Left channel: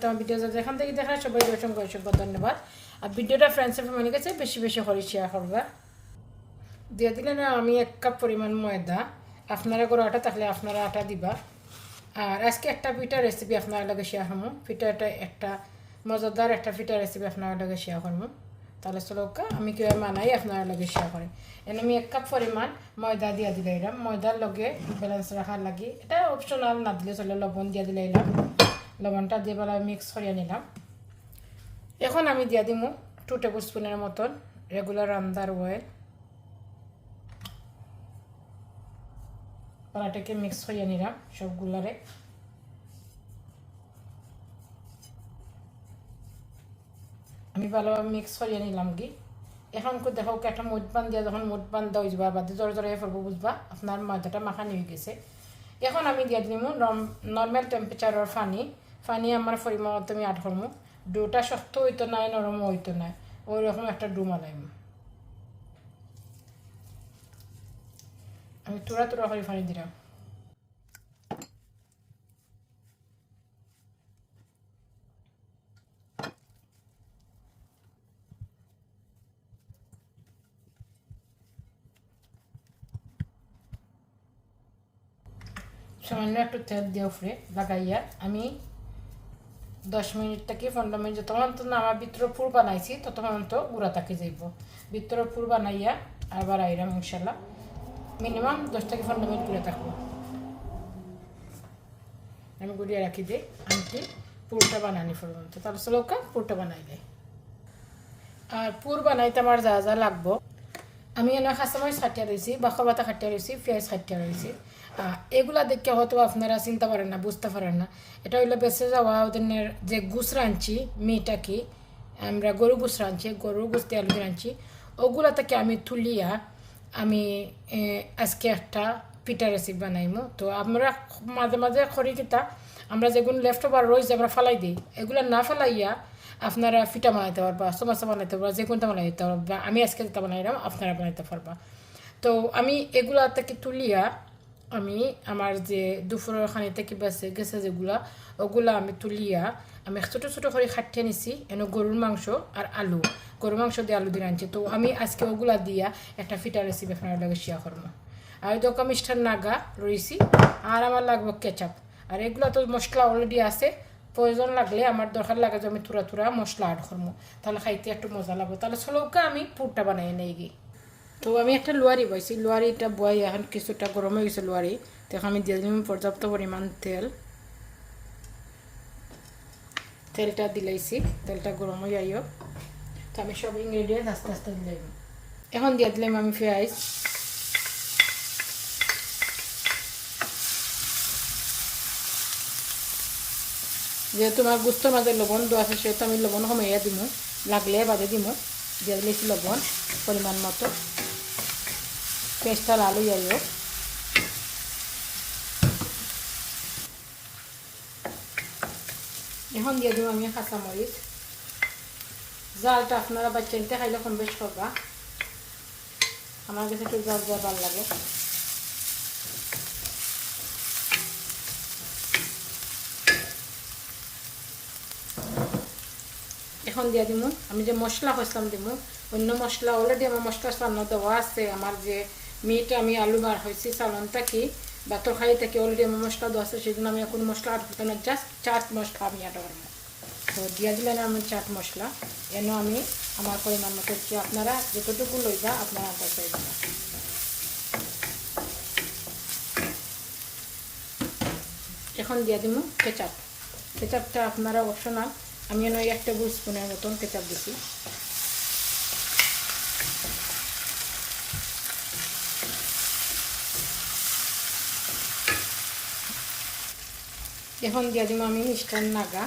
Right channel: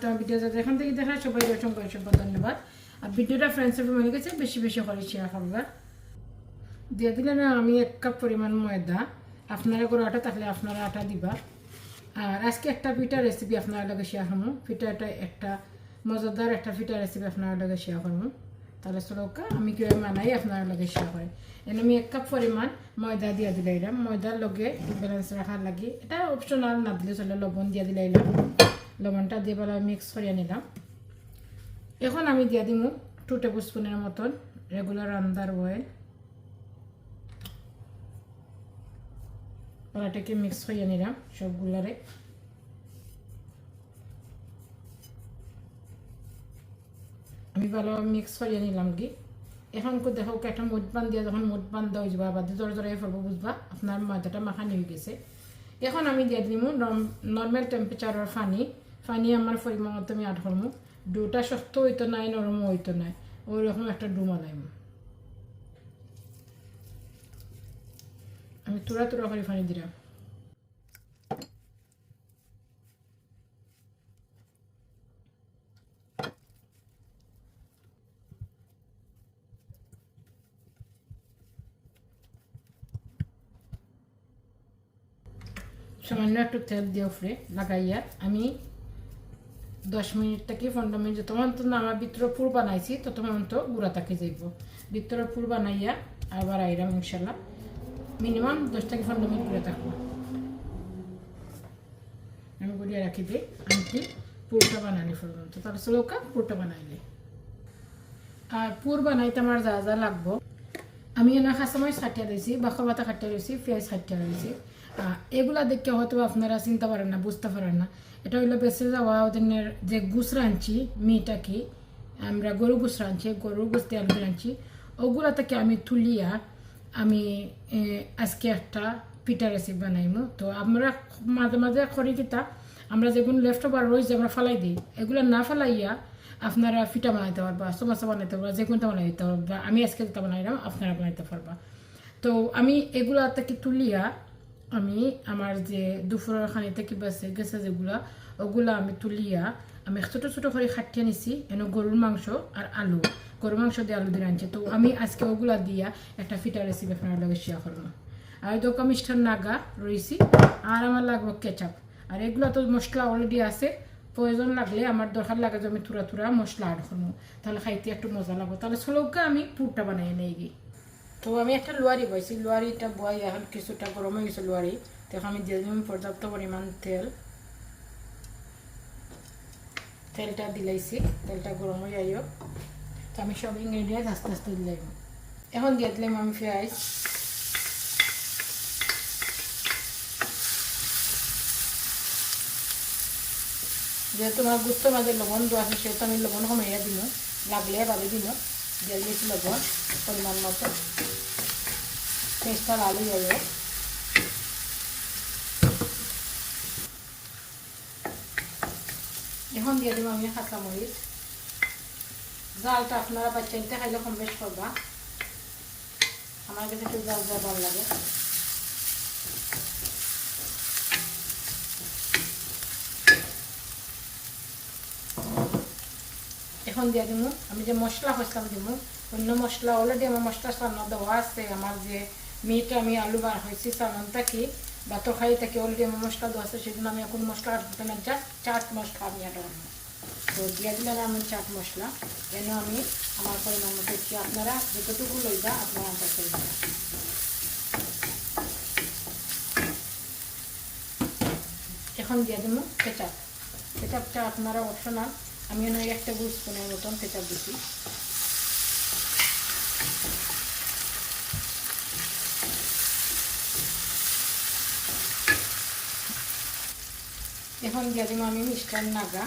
পরবর্তী আমার ভিডিও যেখান থেকে দেখা সবাই অসংখ্য অসংখ্য ধন্যবাদ। আর ভিডিওটা ফ্রেন্ডসের ফ্যামিলি কাছে বেশি বেশি করে শেয়ার করবা। দিয়ে দিলে না আমি এক কাপ পরিমাণ ময়দা। আপনারা করে আটা থাকলে আপনারা আটা দিবা। আর আজকে একটা পিঠা রেসিপি আপনার লগে শেয়ার করব পিঠাটা একটা মজাদার একটা পিঠা রেসিপি আপনার লগে শেয়ার করব তাহলে চলকা আমি কীভাবে মানাই আপনার লগে শেয়ার করি। এনে আমি এক কাপ পরিমাণ ময়দা দিয়ে দিলে এলাম ময়দার লগে ব্যালেন্স রাখার লাগি। এটা অপশনাল না দিলে চলে, লবণ দিয়ে দিলে লবণটা দিয়ে বেলা মিক্স করিয়ে নিলাম। এখন আমি দিয়ে দিব টু টেবিল স্পুনের মতন রেগুলার রান্দার অয়েল কলাটাকে মিক্স করিয়ে নিলাম সবগুলারে। আমি ভালোভাবে মিক্স করিয়ে নিলাম কি। এখন দেখো একটা মুঠ বান দিয়া যখন মুঠ বান দেওয়া যাবা বা জ্বর জ্বরে ফেলব বুঝবা? আপনার ময়দাটা মাখানি হয়ে গেছে। এখন আমি দিয়ে দিলাম নর্মাল টেম্পারেচারের পানি। পানি আমার পরিমাণ মতো আমি আট করব ডোটা শক্ত হইতো নাই নরম হইতো নাই। ওই রকম একটা ডু মালাইম আমি তোরা তোরা করে পানি দিলাম সামান্য একটু তেল দিয়ে উপরে লাগাইয়া আমি দশ মিনিট থেকে, পনেরো মিনিট যতক্ষণ তো আমার ভিতরে পুর বানাইছি ততক্ষণ তো গুঁড়া থাকি যাইব। ভিতরে পুর বানাইয়া আবার আইরাম ইনশাল্লাহ মিনিমাম দশ থেকে পনেরো মিনিট করে থাকব। আমি গুড়িয়ে রাখি দিই, আনকি পুরটা বানানি পর্যন্ত তারপর চলকা পুরটা বানাই দিই। আর পুর বানাইতে আমার যা যা লাগবো। আমি এনে খাসামাই খাটিয়া রয়েছি বা খবাতা খাটিয়া রয়েছি পেঁয়াজ খাটিয়া রয়েছি এগুলা দেখে হয়তো আপনারা চিন্তা পারেন না, বুঝতে পারেন না। এটা হইল বেঁচে যাওয়া ওদের যে গুস রাঁধছি মিটা কি, আমরা গরু গুস রাঁধছি গরু গুস আলু রাঁধছি, ওগুলা থেকে আমি তুলিয়া আমি আজকে একটা পিঠা রেসিপি বানাইমু। তো আমরা মাঝে মাঝে করি কিতা, আমরা যেগুলো লেফট ওভার রয়েছে আমরা ফালাই দিই। এগুলো না ফালাইয়া আপনারা ফিটা বানাইতে পারবা সমস্যা বানাইতে পারবা যে কোনটা বানাইতে পারবা। আমি আজকে যেটা বানাইলাম, আপনারা বানাইতে পারবা। তো আমি এগুলা থেকে তুলিয়া আমি আমার যে দুপুরের খানি থেকে বেঁচে, গেছে যেগুলা, ওগুলা আমি তুলিয়া আমি ছোটো ছোটো করে খাটিয়ে নিছি। এনে গরুর মাংস আর আলু। গরুর মাংস দিয়ে আলু দিয়ে আনছি তো আমি আজকে ওগুলা দিয়া একটা ফিটা রেসিপি আপনার লগে শেয়ার করব। আর দোকা মিষ্টার নাগা রয়েছি। আর আমার লাগবে কেচাপ। আর এগুলো তো মশলা অলরেডি আছে। প্রয়োজন লাগলে আমার দরকার লাগে যে আমি তুরা তুরা মশলা অ্যাড করব। তাহলে খাইতে একটু মজা লাগবে। তাহলে চলৌকা আমি পুরটা বানাই নিয়ে গিয়ে। তো আমি একটা লোয়ারি পাইছি লোয়ারিটা বয় এখন কিছুটা গরম হয়ে গেছে লোয়ারি। তো এখন আমি দিয়ে দিলাম পর্যাপ্ত পরিমাণ তেল। তেলটা দিলাইছি, তেলটা গরম হয়ে যাইও তো আমি সব ইনগ্রেডিয়েন্ট আস্তে আস্তে দিলাম এখন দিয়ে দিলাম আমি পেঁয়াজ। যেহেতু আমার বুঝতে মাঝে লবণ দেওয়া আছে, সেহেতু আমি লবণ কমাইয়া দিব লাগলে বাজে দিব দিয়ে দিয়েছি লবণ, পরিমাণ মতো। হয়ে যাবে। এখন দিয়ে দেবো আমি কাঁচা মরিচ জালটা আপনারা বাচ্চাইতে খাইলে কম বেশ করবা। আমার কাছে একটু জাল জাল ভালো লাগে। এখন দিয়ে দিব। আমি যে মশলা কষলাম দিব, অন্য মশলা অলরেডি আমার মশলা সামনে দেওয়া আছে। আমার যে মিট আমি আলু বার হয়েছি সামন থাকি বা তরকারি থেকে অলরেডি আমার মশলা দেওয়া আছে, সেজন্য আমি এখন মশলা আর করতে না জাস্ট চাট মশলা আমি অ্যাড করব। তো দিয়ে দিলেন আমি চাট মশলা যেন আমি আমার পরিমাণ মতো দিচ্ছি আপনারা যতটুকু লইবা আপনারা দেখে এখন দিয়ে দিব কেচাপ কেচাপটা আপনারা অপশনাল আমি এনে এক টেবিল স্পুনের মতন কেচাপ দিচ্ছি এখন দিয়ে দিব আমি মিষ্টান নাগা।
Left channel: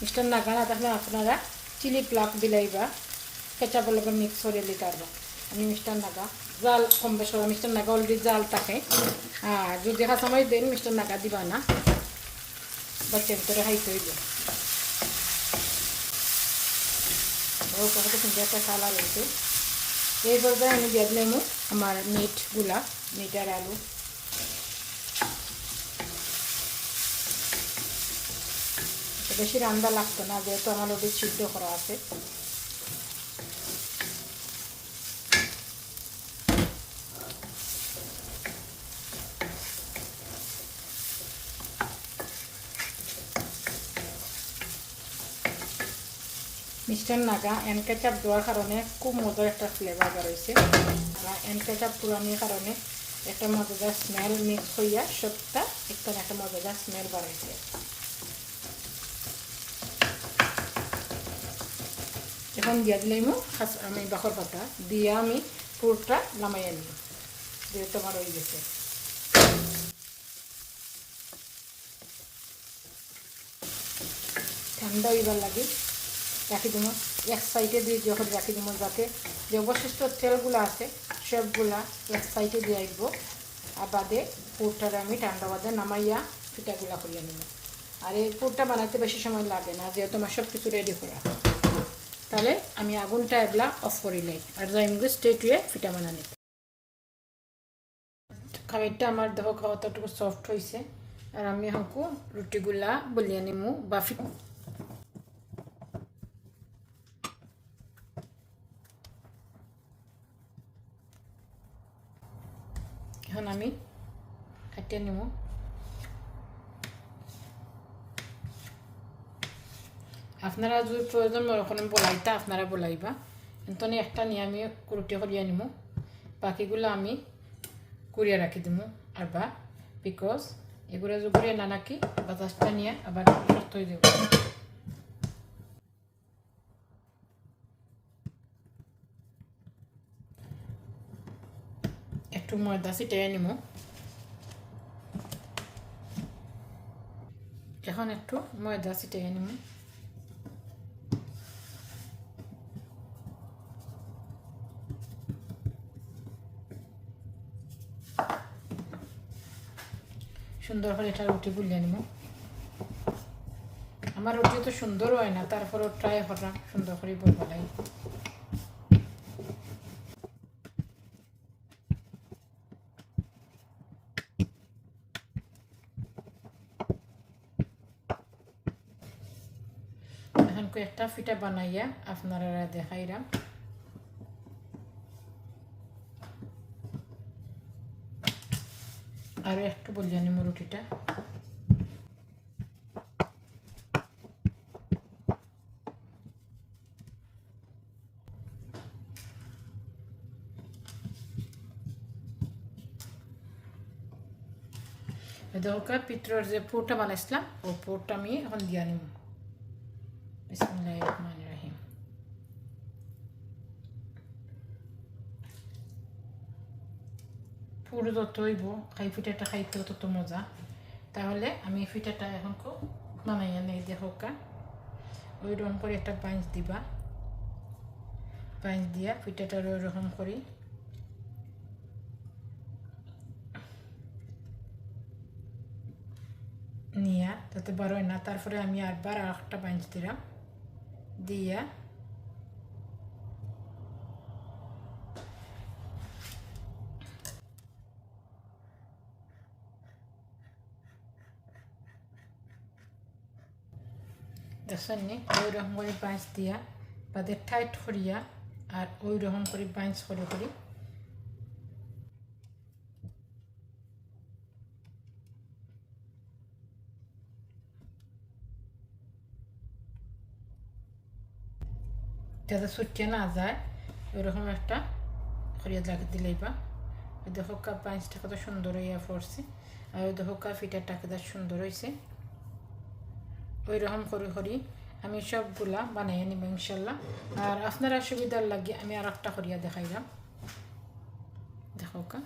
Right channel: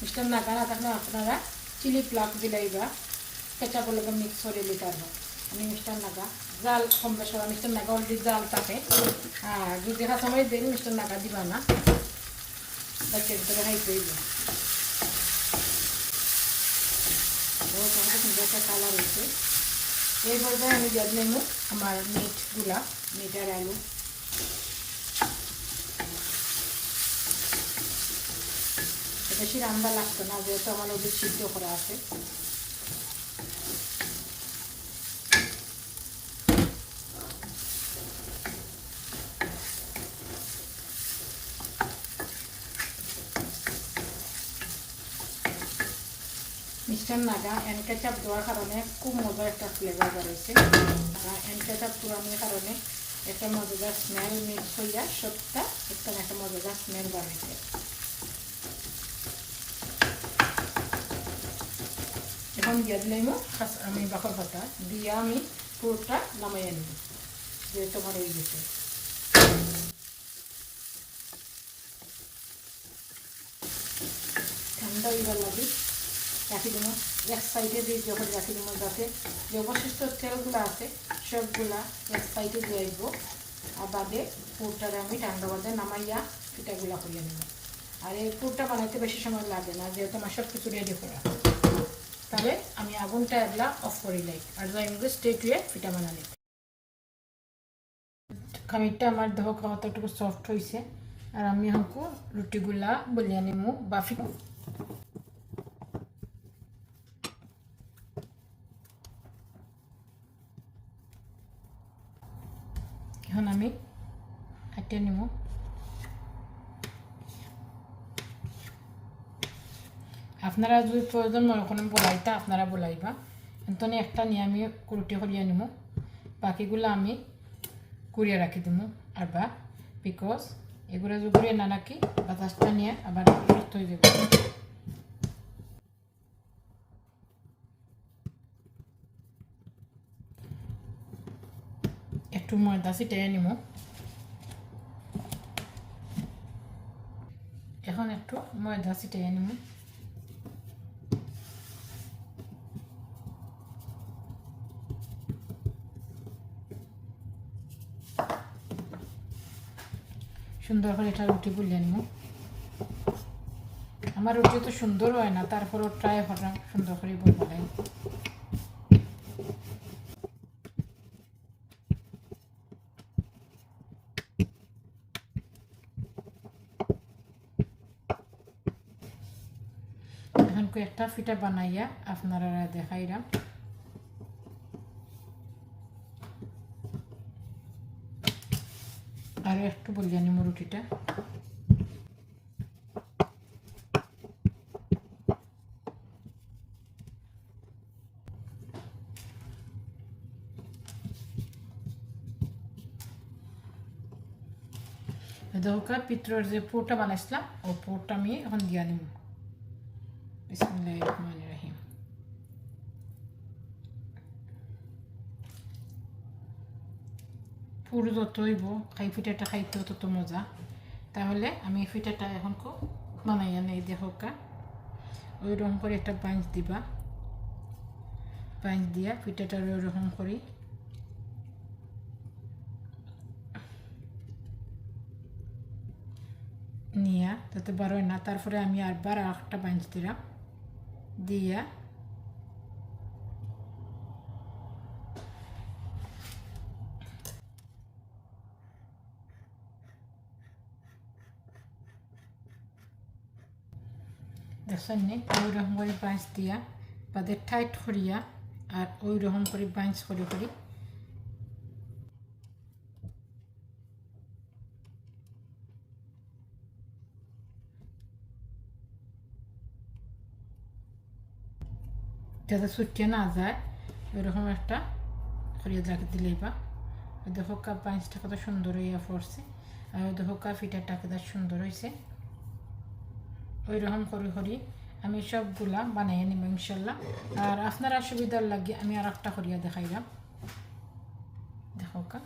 মিষ্টান নাগা থাকলে আপনারা চিলি ফ্লাক দিলাই বা কেচাপের লগে মিক্স করে দিতে আমি মিষ্টান নাগা, জাল কম বেশ মিষ্টান নাগা অলরেডি জাল থাকে। আর যদি সময় দেন মিষ্টান নাগা দিবা না। বাচ্চার ভিতরে খাইতে হইবে একটা সালা এই পর্যায়ে আমি দিয়ে দিলাম আমার মিটগুলা মিট আর আলু। বেশি রান্না লাগতো না, যেহেতু আমার ওদের সিদ্ধ করা আছে। মিষ্টান নাগা এন দেওয়ার কারণে খুব মজার একটা ফ্লেভার বেরোয়েছে আর এন কারণে একটা মজাদার স্মেল মিক্স হইয়া সবটা একটা একটা মজাদার স্মেল বাড়াইছে এখন দিয়া দিলাম আমি বাকর পাতা দিয়ে আমি পুরোটা নামাইয়ে নিই যেহেতু আমার হয়ে গেছে ঠান্ডা হইবার লাগে রাখি দেবো এক সাইডে দিয়ে যখন রাখি দেবো যাতে যে অবশিষ্ট তেলগুলো আছে সবগুলা এক সাইডে দিয়ে আইব আর বাদে পুরটারে আমি ঠান্ডা বাদে নামাইয়া পিঠাগুলা করিয়ে নেব আর এই পুরটা বানাতে বেশি সময় লাগে না যেহেতু আমার সব কিছু রেডি করা আমি এগুলা অফ করে লাই আর যাই মুখে স্টেট হয়ে পিঠা বানানি খামিরটা আমার দেহ কতটুকু সফট হয়েছে আর আমি হাঁকু রুটিগুলা বলিয়া নিমু বা এখন আমি হাঁটিয়ে নিব আপনারা যদি প্রয়োজন মনে করেন বলাইতা আপনারা বলাইবা। কিন্তু একটা নিয়ে আমি রুটি করিয়া নিব বাকিগুলো আমি কুড়িয়ে রাখি দিব আবার বিকজ এগুলো যদি কুড়িয়ে না রাখি, বাতাসটা নিয়ে আবার নষ্ট হয়ে যাবে একটু ময়দা ছিটিয়ে নিব এখন একটু ময়দা ছিটিয়ে নিব সুন্দর করে এটা রুটি বুলিয়ে নিব। আমার রুটি তো সুন্দর হয় না তারপরও ট্রাই করা, সুন্দর করে বলব এখন কয়েকটা ফিটা বানাইয়া আপনারা দেখাইলাম। আর একটু বলিয়ে নিব রুটিটা। দরকার পিত্রর যে পোরটা বানাইছিলাম ওই পোরটা আমি এখন দিয়া নিব বিসমুল্লাহ পুরো যত হইব, খাই পিঠাটা খাইতেও তত মজা। তাহলে আমি পিঠাটা এখন খুব বানাইয়া নেই দেখোকা ওই রকম করে একটা পাঁচ দিবা। পাঁচ দিয়া পিঠাটা ওই রকম করি। নিয়া যাতে বড় না। তারপরে আমি আরবার আর একটা পাঁচ দিলাম। দিয়া দেখছেন নি ওই করে বাঁচ দিয়া বাদে টাইট করিয়া আর ওই রকম করে বাঁচ করে করি যাতে সুটকে না যায় ওইরকম একটা করিয়া জাগে দিলেই বা দেখো কা পাঁচটা কত সুন্দর হইয়া পড়ছে আর দেখো কা ফিটারটা কত সুন্দর হয়েছে ওই রকম করি করি আমি সবগুলা বানাই নিব ইনশাল্লাহ। আর আপনারা সুবিধার লাগে আমি আর একটা করিয়া দেখাইলাম। দেখো কা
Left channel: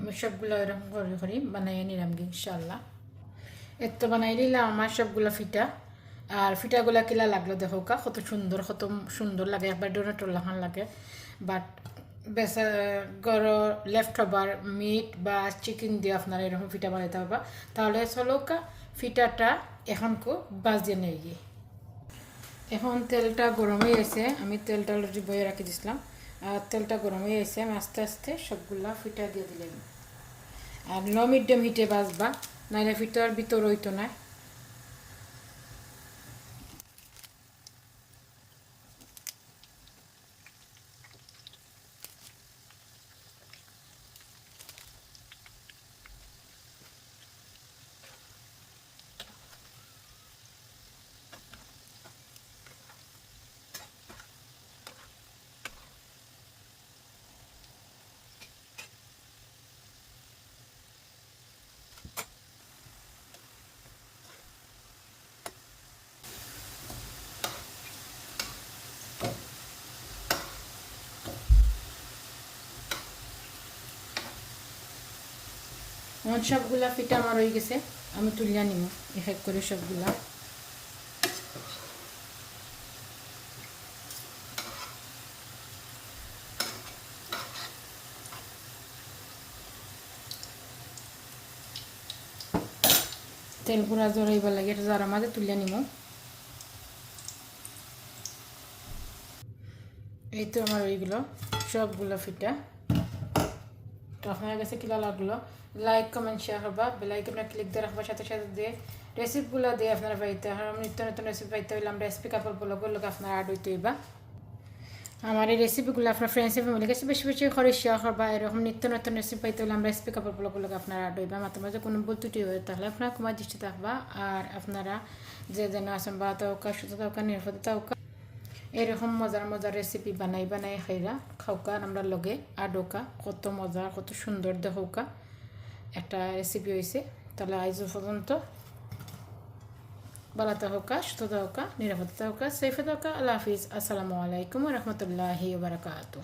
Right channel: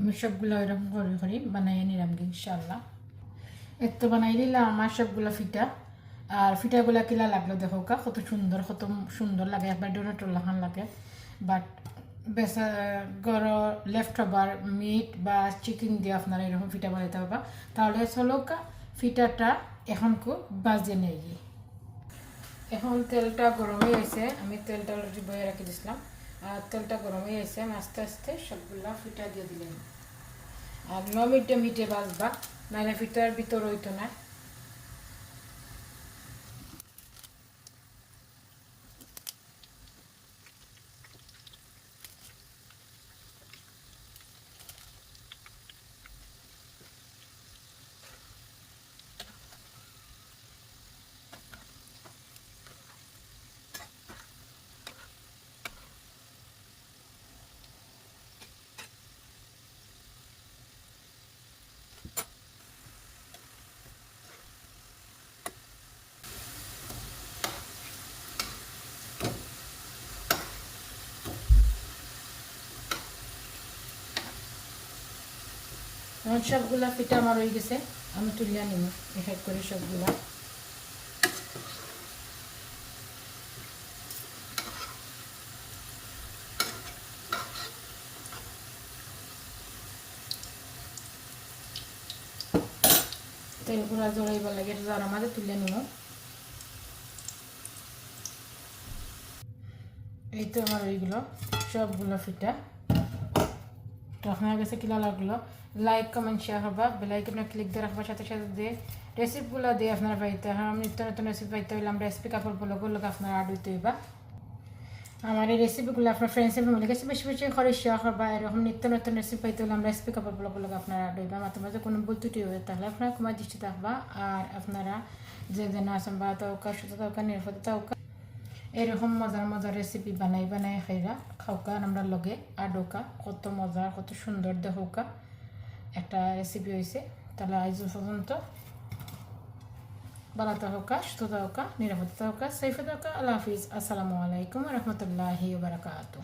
আমি সবগুলো এরকম করে করে, বানাইয়ে নিলাম ইনশাল্লাহ এর তো বানাই নিলাম আমার সবগুলো ফিটা। আর ফিটাগুলা কিলা লাগল দেখো কা কত সুন্দর কত সুন্দর লাগে। একবার ডোনা টোলাখান লাগে। বাট বেশ গর লেফট ওভার মিট বা চিকেন দিয়ে আপনারা এরকম ফিটা বানাইতে পারবা। তাহলে চলো কা ফিটাটা এখন খুব বাজিয়ে নিয়ে গিয়ে। এখন তেলটা গরম হয়ে গেছে, আমি তেলটা বয়ে রাখি দিছিলাম। আর তেলটা গরম হয়ে গেছে, আমি আস্তে আস্তে সবগুলা ফিটা দিয়ে দিলাম। আর ন মিডিয়াম হিটে বাজবা, নাইলে ফিটার ভিতর হইতো না। এখন সবগুলা ফিটা আমার হয়ে গেছে। আমি তুলিয়া নিব এক করে সবগুলা। তেল পুরা জড়াইবার লাগে, এটা যারা মাঝে তুলে নিব এই তো আমার ওইগুলো সবগুলো ফিটা। তো আপনার কাছে কিলা লাগল? লাইক কমেন্ট শেয়ার হবা। বেলাইকনটা ক্লিক দিয়ে রাখবার সাথে সাথে দিয়ে রেসিপিগুলো দিয়ে আপনারা পাইতে হয়, নিত্য নতুন রেসিপি পাইতে হইলে আমরা রেসিপি কাপড় ব্লগের লোক আপনারা আড হইতে হইবা। আমার এই রেসিপিগুলো আপনার ফ্রেন্ডস এন্ড ফ্যামিলি কাছে বেশি বেশি করে শেয়ার করবা এরকম নিত্য নতুন রেসিপি পাইতে হলে আমরা রেসিপি কাপড় ব্লগের লোক আপনারা আড হইবা। মাঝে মাঝে কোনো ভুল ত্রুটি হয়ে তাহলে আপনারা কুমার দৃষ্টি থাকবা আর আপনারা যে যেন আছেন বা সুতো তৌকা নিরাপদ তৌকা এরকম মজার মজার রেসিপি বানাই বানাই খাইরা। খাওকা আমরা লগে আডোকা কত মজা, কত সুন্দর দেখোকা একটা রেসিপি হয়েছে তাহলে আইজ পর্যন্ত বালাতে হোকা সুস্থতা হোকা নিরাপত্তা হোকা সেফে হোকা আল্লাহ হাফিজ। আসসালামু আলাইকুম রহমতুল্লাহি বারাকাতু